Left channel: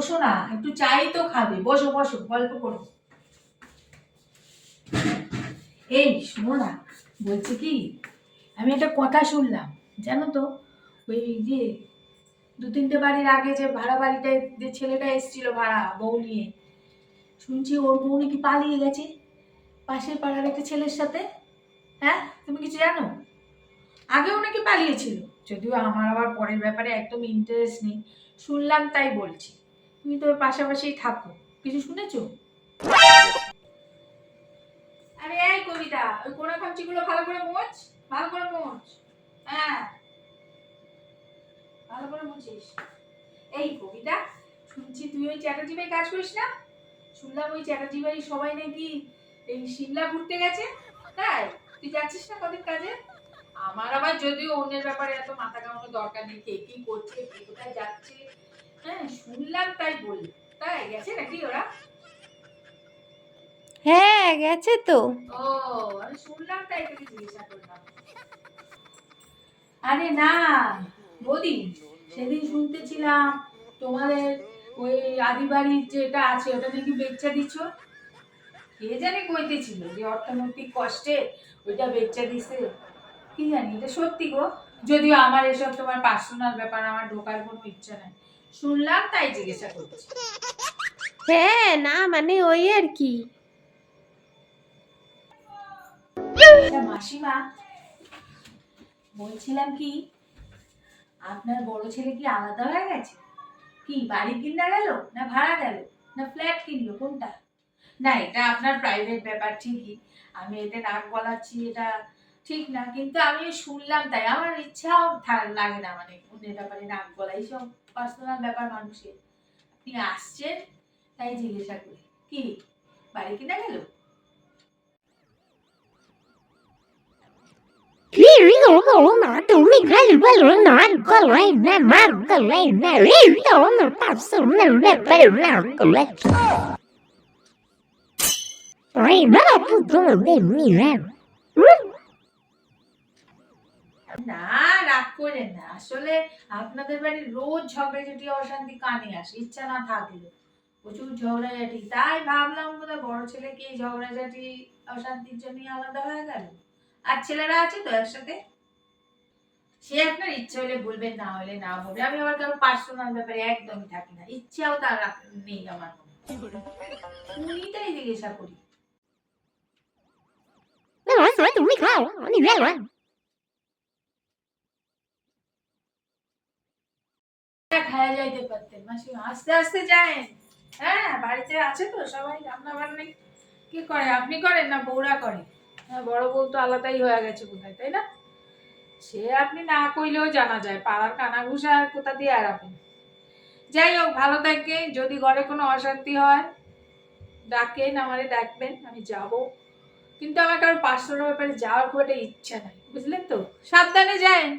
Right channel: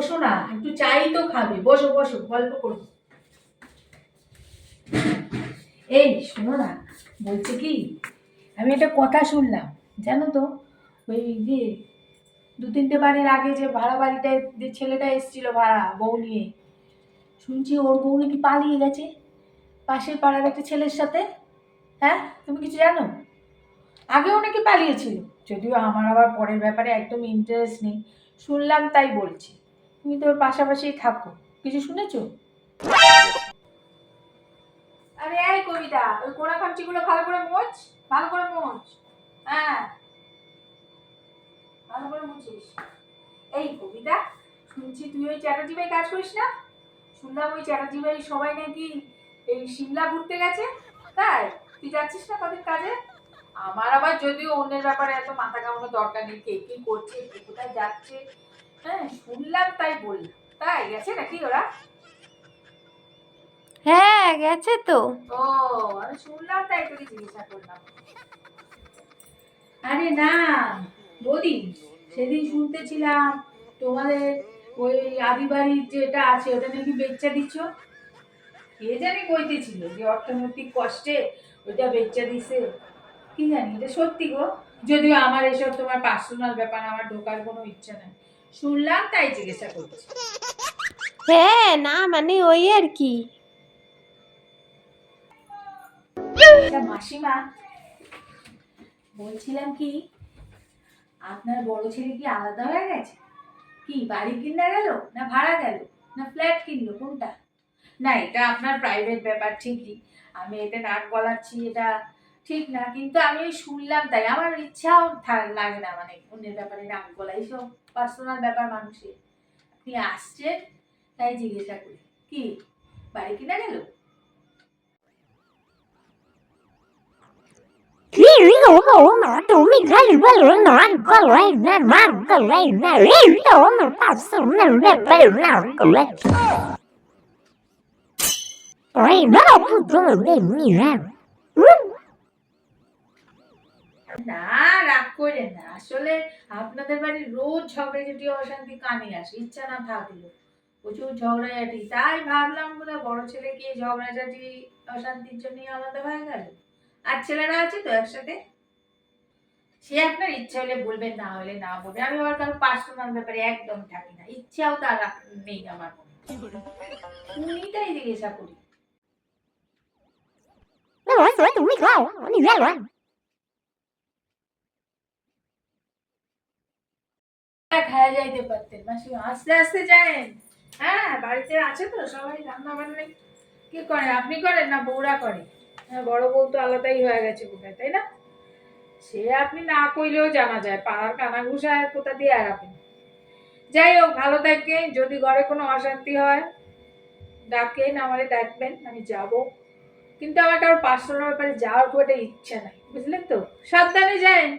বসো না, একটু চাই তো খাবে, বসো বসো, গল্প করো। এই শোনো না, বলছে কি, আমি একটা কথা শুনলাম জানো তো, ওই যে 2-3টে বাড়ির আগে যে ভাড়া বাড়িটায় যে ছেলেটা এসেছিল ভাড়া বউ নিয়ে, শুনছি ওর বউ নাকি পালিয়ে গেছে পাশের পাড়ার একটা ছেলের সাথে। হ্যাঁ, তুমি কিছু জানো? আগেও নাকি পালিয়েছিল, যদিও আমার আবার পরের ব্যাপারে একদম ইন্টারেস্ট নেই, শুনলাম তাই বলছি। তুমি তো ওর পাশাপাশি থাকো, কিছু শুনেছো? আরে এই কবিতা, ওই কোনা খামচিগুলো ভালো করে মোছ, ভালো করে মোছ। হ্যাঁ, ভালো করে মুছিস। এই কবিতা, শুনছি তুই ওই চ্যাটার্জি ভাই কাজ করিস না? শুনলাম ওই চ্যাটার্জি ভাই সবাই নাকি এই সিমলা ঘুরতে গেছে, তাই তুই যাচ্ছিস না কদিন কাজে? আমার আবার যদিও অন্যের ব্যাপারে এত মাথা ঘামানোর দরকার নেই, কে কি করছে কে কোথায় যাচ্ছে, হ্যাঁ শুনলাম তাই বললাম। তাই গেছে নাকি ওরা? হ্যাঁ গেছে তো। ও, আমি শুনলাম তাই তোকে জিজ্ঞাসা করলাম। আরে না বৌদি, সেদিন শুনতেছিলাম তোমাদের ওই আদিবাড়ির যেটা আছে ওটা নাকি বেচা দিচ্ছ। কে জানি কইতেছিল যে অর্থনৈতিক কষ্টে ওইটা বেচা দিছে, কি জানি এটা সত্যি গো? যদিও আমার এসব তোমার পার্সোনাল ব্যাপার, আমার ঢোকার কোনো ইচ্ছা নাই, শুনলাম তাই জিজ্ঞাসা করছি। হ্যাঁ না মানে ওই আর কি। আচ্ছা মাসিমা, বলছিলাম কি, আপনার বড় ছেলে কি আলাদা হয়ে গেছে? কি বাড়ি কিনা গেল, না ভাড়া গেল, না ফ্ল্যাট কিনলো, কোনটা? না এটা আপনার প্রাইভেট ব্যাপার ঠিকই, আমি এতে নাক গলাচ্ছি এটা ঠিক না, কিন্তু আমি শুনলাম তাই, আমার ইচ্ছাও লাগে না মানে অন্যের ব্যাপারে নাক গলা, এইসব পার্সোনাল ব্যাপার মানুষের। আপনি আসছেন তাই জিজ্ঞাসা করি, কি বাড়ি কিনা গেল? তুমি খালি বলো নাক গলায় না, নাক গলায় না, এই তো আমার পার্সোনাল ব্যাপার, নাক গলায় না না রাগ করেন না, আসলে আপনাদের বাড়ির রোজ ঝগড়াঝাটি অশান্তি কানে আসে, ইচ্ছা না থাকলো প্রচুর ঝগড়াঝাটি, তাই ভাবলাম বোধহয় বড় ছেলে কি ঝগড়াঝাটি অশান্তির জন্য আলাদা হয়ে গেল, আর ছেলেরা আছে তো একসাথে। সে আপনার ইচ্ছা হলে বলবেন, না হলে না বলবেন, আমি আমার কারো পার্সোনাল ব্যাপারে একদম থাকি না, ইচ্ছাও তার নেই আমার মনে, উনিটাই জিজ্ঞাসা করি। তুমি খাও আমি গেলাম। খায়া যাইতে পারতেন মাসিমা, আস্তে আস্তে যায়েন। হ্যাঁ বাড়িতে আছে তো সবাই, রান্না বান্না কি করে, আপনি করেন না বউরা করে? হ্যাঁ, বড় বউ তো আলাদাই হয়ে গেছে বোধহয়, তাই না? সে আপনি না কইলেও জানা যায়, পাড়ার কানাঘুষা আর কোথা দিয়ে এড়াবেন। যাই হোক, ভালো থাকেন, যদি ঘরে কোনো অশান্তি হয় ডাকেন, আমারে ডাকবেন, আমি যাব, কিন্তু আমার কারো পার্সোনাল ব্যাপারে যাওয়ার খুব একটা ইচ্ছা নাই, বুঝলেন তো? সাবধানে যায়েন।